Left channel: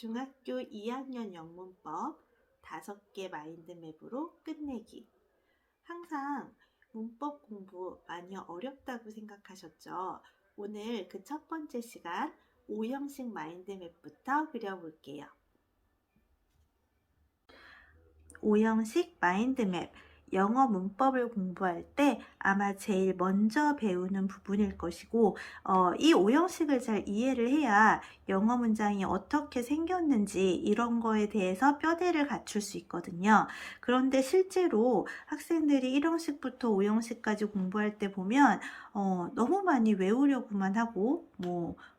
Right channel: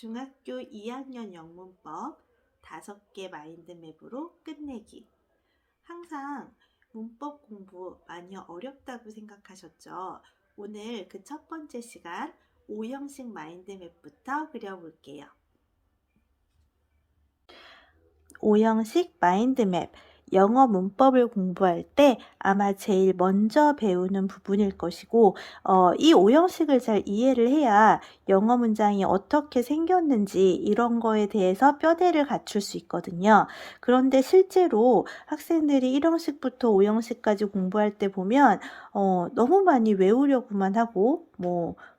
중학교 2학년 영문법 5개 마인드맵으로 끝내기. 항상 문법 공부 많이 어렵다고 생각하셨죠? 오늘 그 첫 번째 시간 O형식 마인드맵부터 그려볼게요. O형식 마인드맵. 영어 문법을 공부할 때 아마 제일 먼저 배우는 부분일 것이고 이 O형식을 잘 이해를 해야 영어 문장이 어떻게 생겼는지 이런 거에 대해서 뼈대를 갖출 수 있거든요. 그런데 실제로 학생들이 1형식부터 5형식까지 공부할 때 보면 너무 많이 외우려고만 하고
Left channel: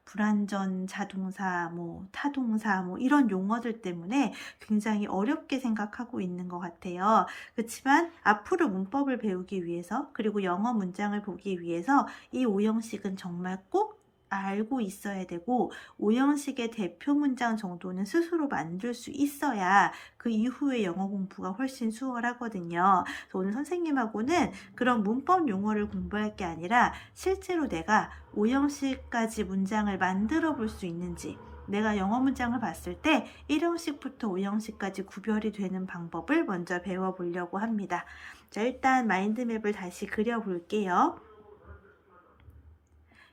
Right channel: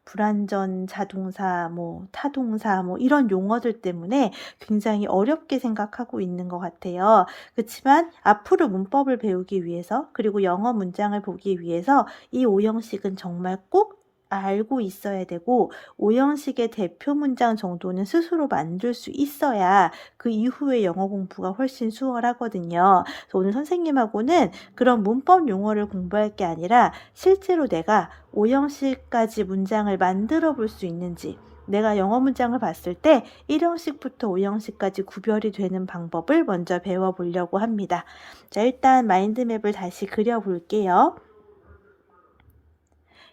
불완전 자동사, 타동사 이런 용어들 때문에 굉장히 어렵게 생각하고 있는 것 같아요. 그렇지만 앞으로 문법을 배우기 위해서 그리고 영어 문장을 보기 위해서 이 5형식은 정말 꼭 알고 있어야 되고 5형식의 대표 문장 정도는 스스로 만들 수 있어야 그 이후에 영어 공부가 훨씬 수월하거든요. 그래서 오늘 선생님하고는 그런 문법 용어를 공부할 게 아니라 실제로 내가 5형식까지 문장을 만들어 볼 수 있는지 내가 영어 문장을 봤을 때 1형식부터 5형식까지 구별이 되는 방법을 먼저 배워보려고 합니다. 자, 일단 마인드맵을 다시 그려볼게요.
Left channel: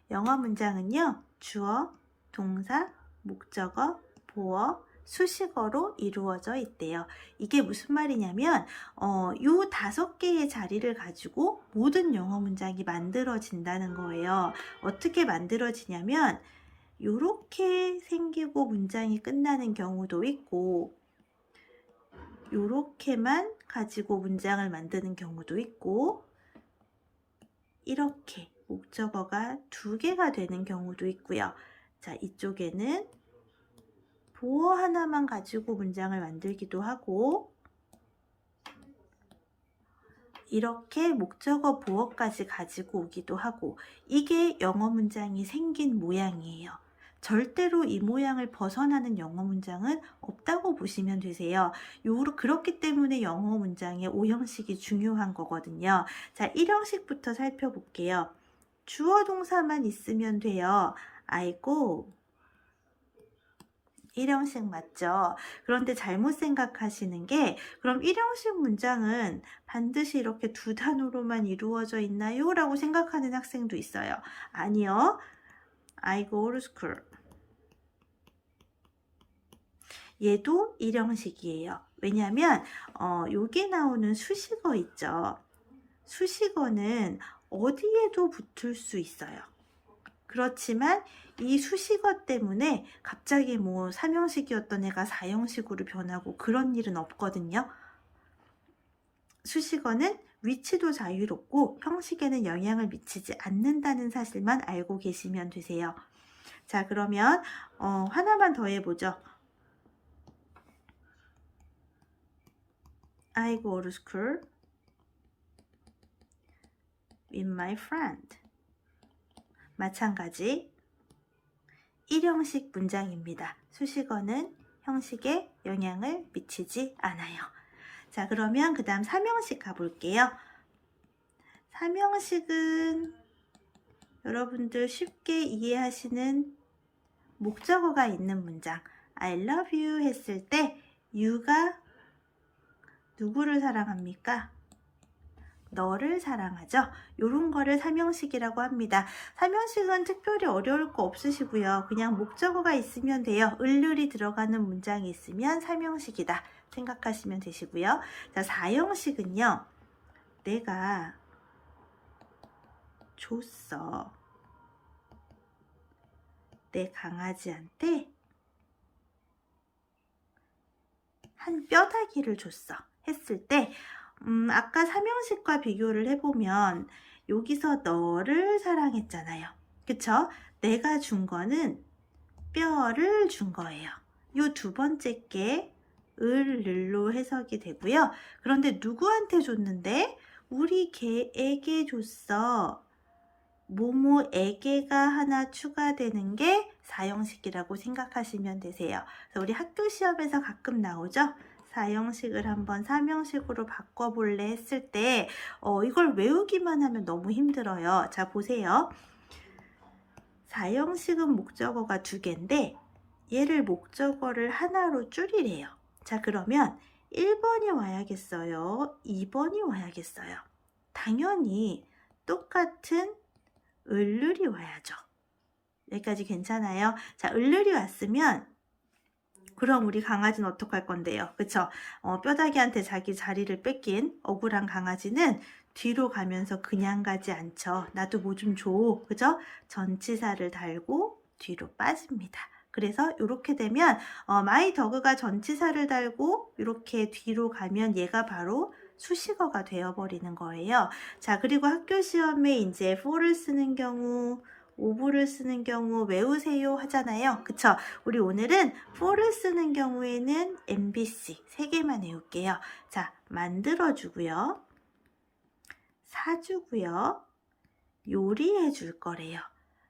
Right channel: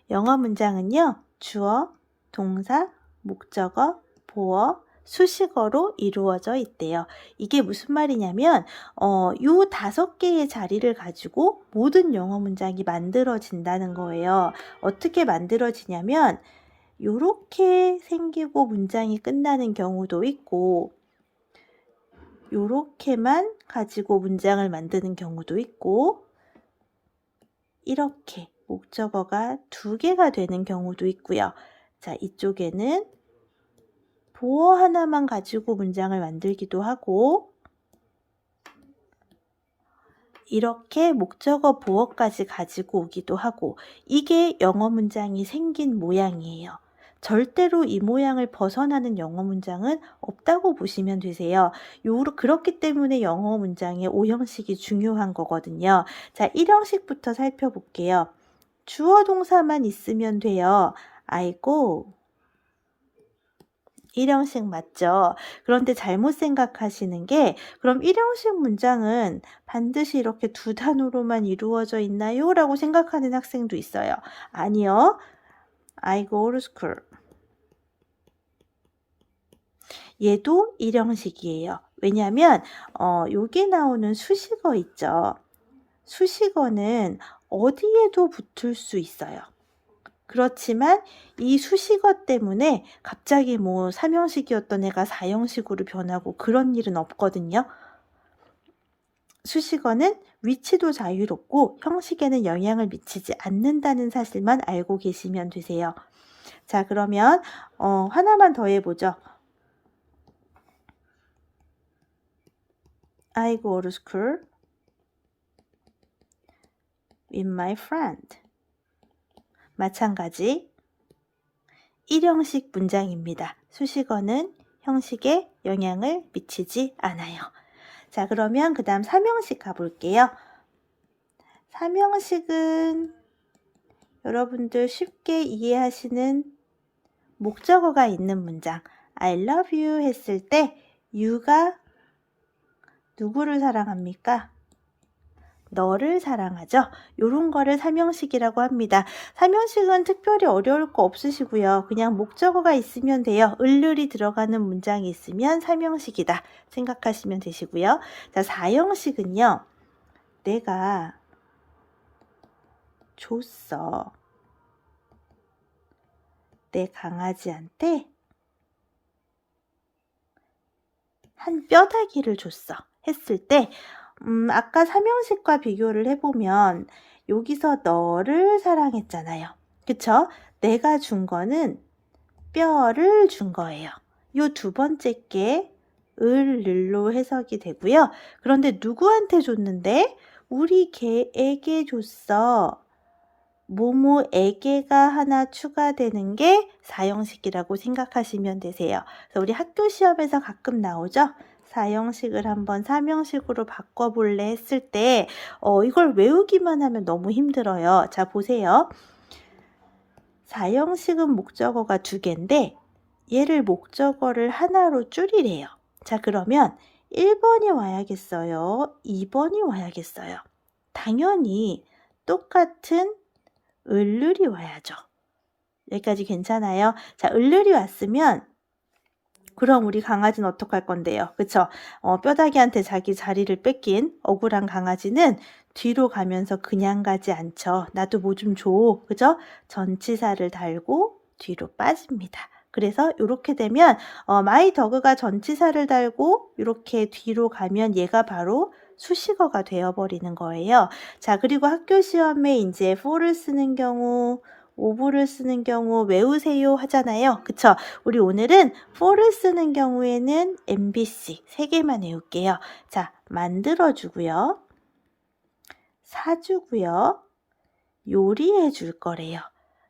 영어 문장은요, 주어, 동사, 목적어, 보어, 수식어로 이루어져 있대요. 이게 무슨 말이냐면 요 5개의 자리를 가지고 모든 영어 문장이 만들어진다는 거예요. 어떻게 만들어지냐면 요렇게 생기고 문장이 끝나는 경우도 있고 요렇게만 가지고 문장을 만드는 경우도 있고 이렇게 목적어가 2개가 되는 경우도 있고요. 자, 이쪽에는 보어 하나만 가지고 문장을 만들기도 하고 이렇게 목적어 보어까지 가지고 오기도 하고 이게 영어 문장이 생긴 모양이에요. 절대로 이 모양을 벗어나는 영어 문장은 없다고 보시면 되세요. 그렇기 때문에 영어 문장의 5형식이 중요한 거거든요. 자, 1형식부터 살펴볼게요. 주어 동사만 있으면 돼요. I go. 1형식 맞죠? 그런데 잘못 생각하시는 게 그럼 1형식 문장은 반드시 이렇게 2단어로만 이루어져 있나요? 라고 생각하는 학생도 있어요. 아니요. I go to school. 얘도 1형식이에요. 왜냐하면 여기 나오는 수식어 있죠. 수식어는 어디에도 붙을 수 있어요. 그렇지만 이 수식어 때문에 갑자기 3형식이었던 애가 4형식으로 변하고 그런 일은 없거든요. 수식어는 위치도 자유롭고 형식에는 영향을 미치지 않는다는 사실만 알고 계시면 되세요. 자, 그러면 하나만 더 해보죠. I go to school with my friend. 마찬가지 1형식 문장입니다. 수식어는 형식에 영향을 미치지 않아요. 자, 그러면 그 다음 3형식 가볼게요. 3형식은 여러분들 쉽게 이해하시는 목적어가 있는 문장. I love you 했을 때 you가 누구를 사랑합니까? 너를 사랑하죠. 요런 거를 3형식이라고 합니다. 3형식은 특별히 어려울 거 없으시고요. 그냥 목적어가 있으면 돼요. 을률이 들어가는 문장이 있으면 3형식이다 생각하시면 되시고요. 자, 4형식은요. 내가 줬어. 내 강아지한테 한 뼈다귀를 줬어. 했을 때 아까 3형식과 비교를 해보면 여기서 너를 사랑했잖아요. 그쵸? 내가 준 거는 뼈를 준 거예요. 요 2번째 게 을로 해석이 되고요. 그런데 누구한테 줬는데? 우리 개에게 줬어. 모모에게가 하나 추가되는 게 4형식이라고 생각하시면 되세요. 그래서 우리 학교 시험에서 가끔 나오죠? 4형식을 한번 3형식으로 바꿔볼래 했을 때 이걸 외우기만 하면 너무 힘들어요. 자, 보세요. 4형식은 목적어가 2개인데 얘를 목적어를 하나로 줄이래요. 자, 그러면 1번이 와야겠어요? 2번이 와야겠어요? 당연히 똑같은 을룰이 와야죠. 여기까지 괜찮아요? 자, 을룰이 왔으면 그럼 우리 강아지는 어떡할 건데요? 그쵸? 뼈다귀한테 자기 자리를 뺏긴 억울한 강아지는 뒤로 가면서 그냥 가지 않죠. 나도 뭐 좀 줘. 그죠? 전치사를 달고 뒤로 빠집니다. 그래서 이렇게 되면 마이 더그가 전치사를 달고 이렇게 뒤로 가면 얘가 바로 수식어가 되어버리는 거예요. 자, 그리고 학교 시험에 이제 for를 쓰는 경우, 오브를 쓰는 경우 외우세요 하잖아요. 그쵸? 우리 오늘은 for를 쓰는 경우에는 MBC 3개만 외울게요. 자, 만들어주고요. 사주고요. 요리해 줄 거래요.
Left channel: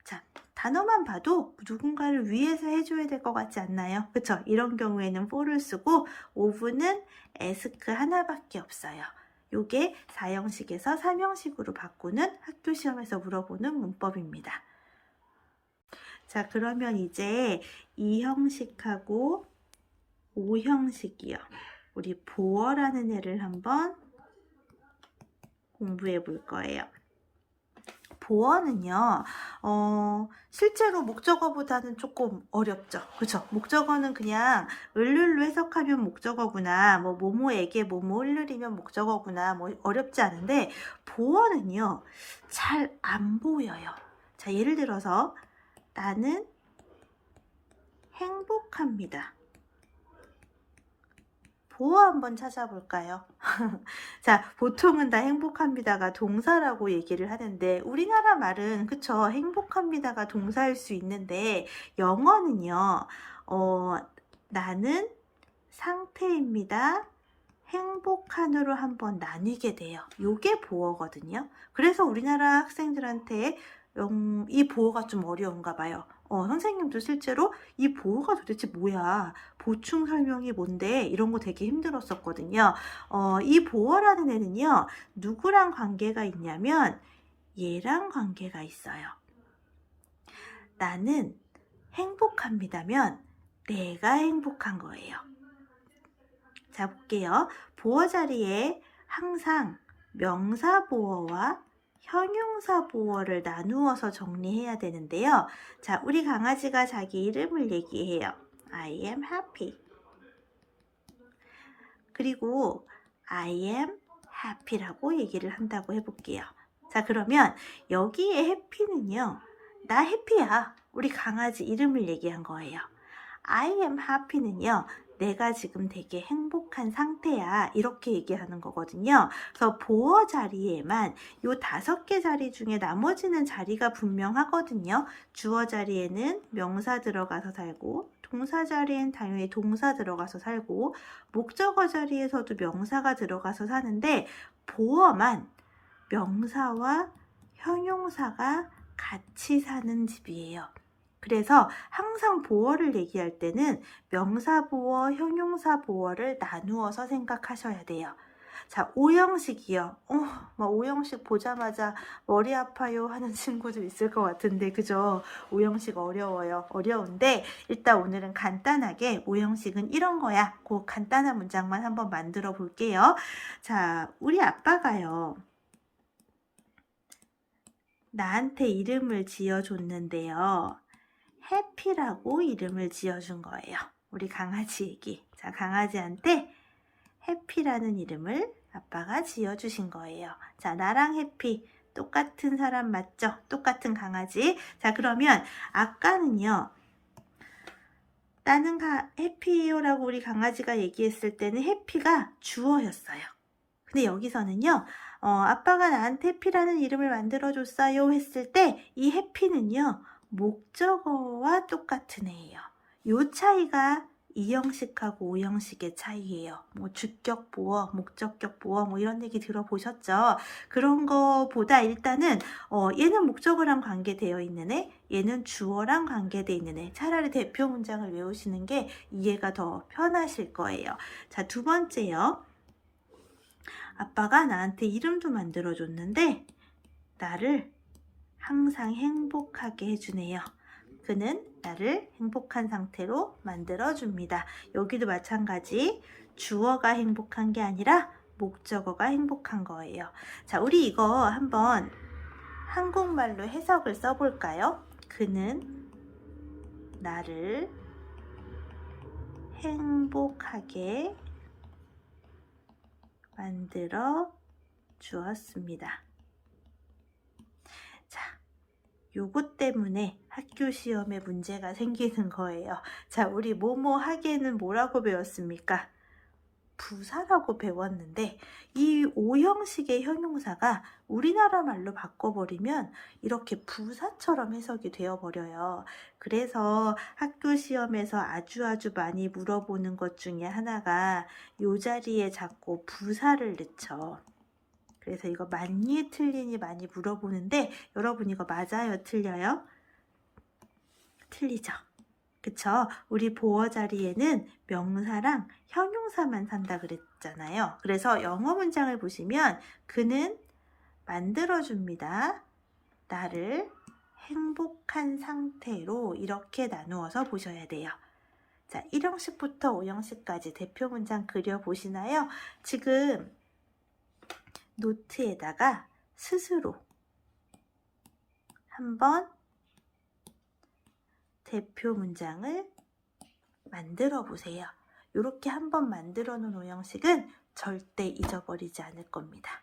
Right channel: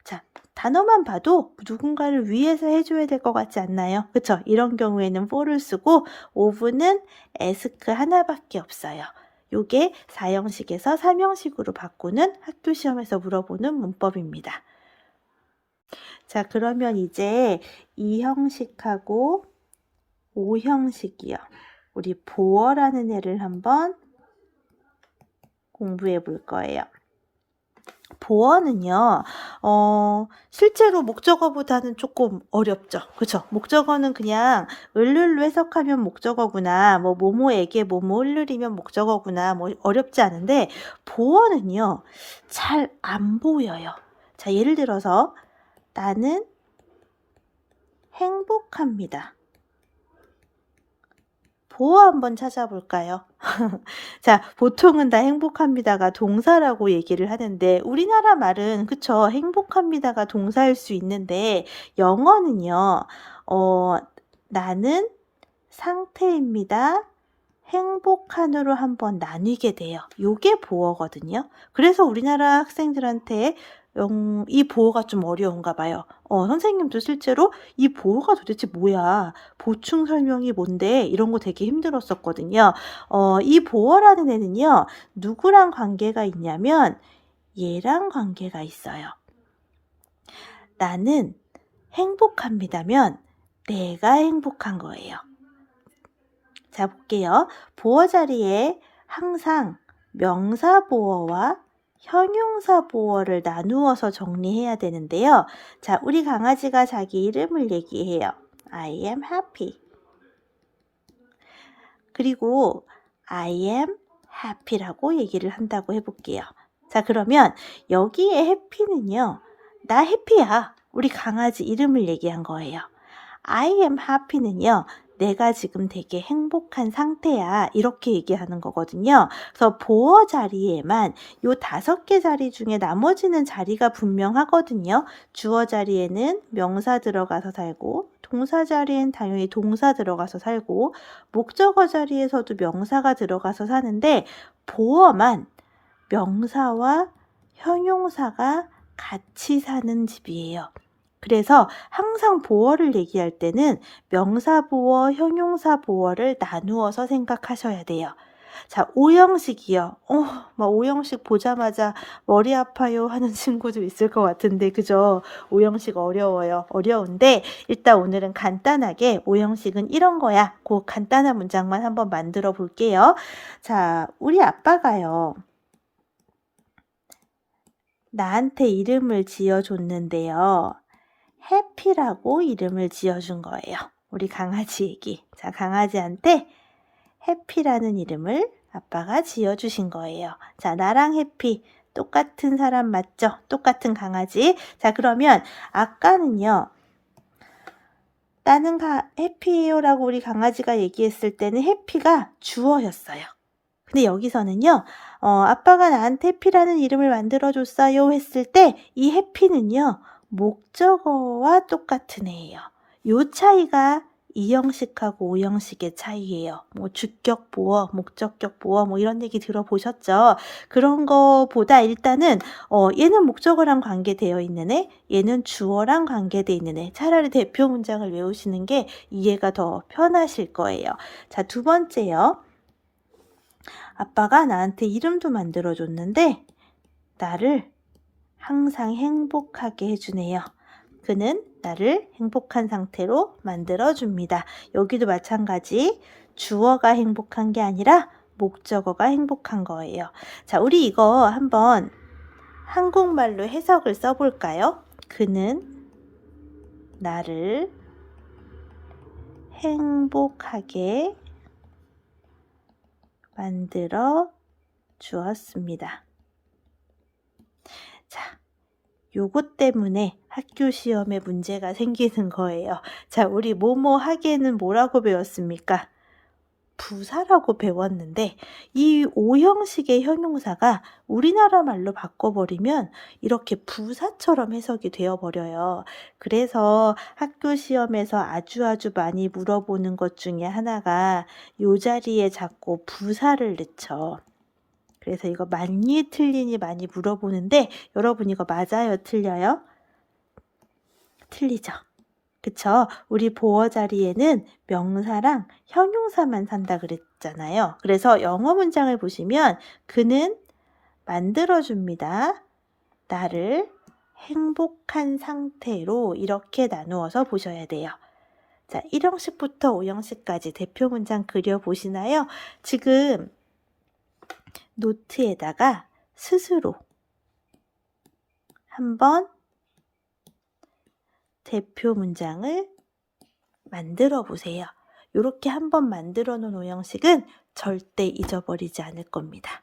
자, 단어만 봐도 누군가를 위해서 해줘야 될 것 같지 않나요? 그쵸? 이런 경우에는 for를 쓰고 of는 ask 하나밖에 없어요. 요게 4형식에서 3형식으로 바꾸는 학교 시험에서 물어보는 문법입니다. 자, 그러면 이제 2형식하고 5형식이요. 우리 보어라는 애를 한번 공부해 볼 거예요. 보어는요, 실제로 목적어보다는 조금 어렵죠. 그쵸? 목적어는 그냥 을룰로 해석하면 목적어구나, 뭐, 뭐뭐에게 뭐뭐 을룰이면 목적어구나, 뭐, 어렵지 않은데, 보어는요, 잘 안 보여요. 자, 예를 들어서, 나는 행복합니다. 보어 한번 찾아볼까요? 자, 보통은 다 행복합니다가 동사라고 얘기를 하는데 우리나라 말은 그쵸? 행복합니다가 동사일 수 있는데 영어는요. 나는 상태입니다. 행복한으로 한번 나뉘게 돼요. 요게 보어거든요. 그래서 우리나라 학생들한테 이 보어가 좀 어려운가 봐요. 선생님도 실제로 이 보어가 도대체 뭐야? 보충 설명이 뭔데? 이런 거 되게 힘들었었거든요. 이 보어라는 애는요, 누구랑 관계가 있냐면 얘랑 관계가 있어요. 나는 행복합니다면 내가 행복한 거예요. 자, 볼게요. 보어 자리에 항상 명사 보어와 형용사 보어를 나누어서 정리해야 되는데요. 자, 우리 강아지가 자기 이름을 얘기해요. I am happy. 그리고 I am happy라고 얘기를 한다고 해볼게요. 자, 그러면 여기에 happy는요. 나 해피야. 우리 강아지 이름을 얘기한 거예요. I am happy는요. 내가 지금 되게 행복한 상태야. 이렇게 얘기하는 거거든요. 그래서 보어 자리에만 요 5개 자리 중에 나머지는 자리가 분명하거든요. 주어 자리에는 명사 들어가서 살고 동사 자리엔 당연히 동사 들어가서 살고 목적어 자리에서도 명사가 들어가서 사는데 보어만 명사와 형용사가 같이 사는 집이에요. 그래서 항상 보어를 얘기할 때는 명사 보어, 형용사 보어를 나누어서 생각하셔야 돼요. 자, 5형식이요. 막 5형식 보자마자 머리 아파요 하는 친구도 있을 것 같은데, 그죠? 5형식 어려워요. 어려운데, 일단 오늘은 간단하게 5형식은 이런 거야. 그 간단한 문장만 한번 만들어 볼게요. 자, 우리 아빠가요. 나한테 이름을 지어줬는데요. 해피라고 이름을 지어준 거예요. 우리 강아지 얘기. 자, 강아지한테 해피라는 이름을 아빠가 지어주신 거예요. 자, 나랑 해피 똑같은 사람 맞죠? 똑같은 강아지. 자, 그러면 아까는요. 나는 해피예요 라고 우리 강아지가 얘기했을 때는 해피가 주어였어요. 근데 여기서는요. 아빠가 나한테 해피라는 이름을 만들어줬어요 했을 때 이 해피는요. 목적어와 똑같은 애예요. 요 차이가 2형식하고 5형식의 차이예요. 뭐 주격 보어, 목적격 보어 뭐 이런 얘기 들어보셨죠? 그런 거보다 일단은 얘는 목적어랑 관계되어 있는 애, 얘는 주어랑 관계되어 있는 애. 차라리 대표 문장을 외우시는 게 이해가 더 편하실 거예요. 자, 2번째요. 아빠가 나한테 이름도 만들어줬는데 나를 항상 행복하게 해주네요. 그는 나를 행복한 상태로 만들어줍니다. 여기도 마찬가지 주어가 행복한 게 아니라 목적어가 행복한 거예요. 자, 우리 이거 한번 한국말로 해석을 써볼까요? 그는 나를 행복하게 만들어 주었습니다. 자, 요것 때문에 학교 시험에 문제가 생기는 거예요. 자, 우리 뭐뭐 하게는 뭐라고 배웠습니까? 부사라고 배웠는데 이 오형식의 형용사가 우리나라 말로 바꿔버리면 이렇게 부사처럼 해석이 되어버려요. 그래서 학교 시험에서 아주 많이 물어보는 것 중에 하나가 요 자리에 자꾸 부사를 넣죠. 그래서 이거 맞니 틀리니 많이 물어보는데 여러분 이거 맞아요, 틀려요? 틀리죠. 그쵸? 우리 보어 자리에는 명사랑 형용사만 산다 그랬잖아요. 그래서 영어 문장을 보시면 그는 만들어줍니다. 나를 행복한 상태로 이렇게 나누어서 보셔야 돼요. 자, 1형식부터 5형식까지 대표 문장 그려보시나요? 지금 노트에다가 스스로 한번 대표 문장을 만들어 보세요. 이렇게 한번 만들어 놓은 5형식은 절대 잊어버리지 않을 겁니다.